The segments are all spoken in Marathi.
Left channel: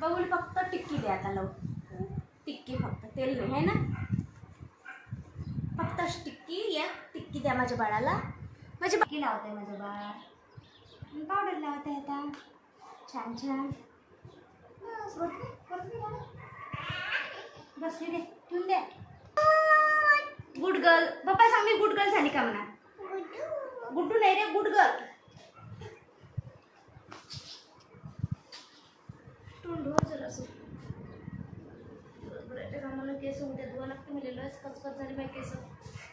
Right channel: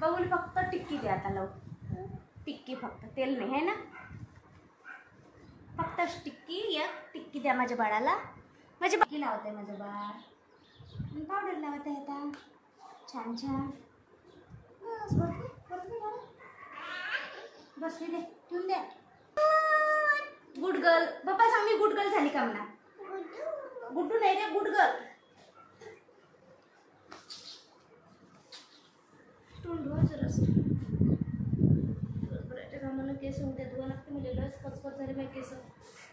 बबुल फक्त टिक्की द्या आता लावून. टिक्की फक्त, तेल नाही है ना. फक्त टिक्की, एक टिक्की द्या माझ्या बाळाला. माझी टिक्की लावते माझं बाळ. पावडर लावते आता छान छान. बसली दे, ठेवून दे. Good girl. पप्पा सांग मी गुड गर्ल झाली का म्हणा. गुड्डू नाही रे, गुड गर्ल. मला केस उद्या धुवा लागते. मला लस कचकच झाली पाहिजे केस.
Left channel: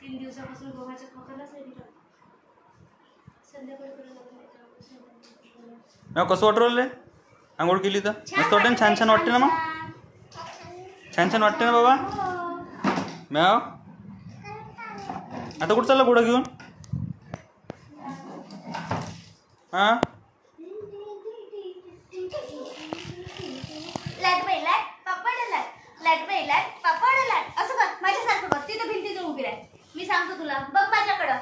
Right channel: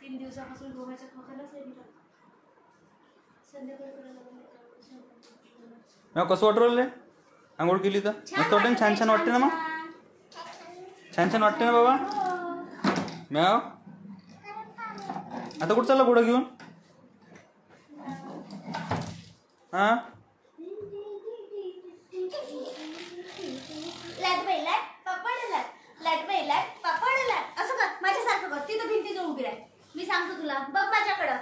3 दिवसापासून गव्हाच्या खात्यालाच नाही दिलं. संध्याकाळी कसं वाटलं रे आंघोळ केली तर? मस्त वाटते ना, छान छान वाटते ना. मग छान छान वाटते ना बाबा. मॅव आता कुठं चालला घोडा घेऊन? हा लाट बाई लाट, पापड लाट. लाट बाई लाट, पापड लाट. असं कर, माझ्यासारखं कर. तिथं भिंतीजवळ उभी राह. मी सांगतो तुला, बघ माझ्याकडं.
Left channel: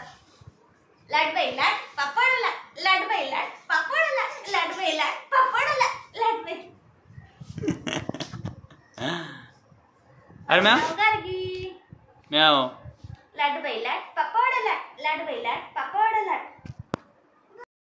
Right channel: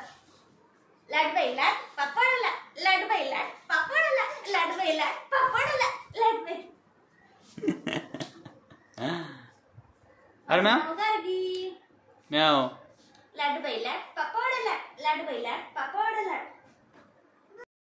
लाट बाई लाट, पापड लाट. लाट बाई लाट, पापड लाट. लाट बाई लाट, पापड लाट. लाट बाई. अरे मॅव गार्गी. मॅव. लाट बाई लाट, पापड लाट. लाट बाई लाट, पापड लाट.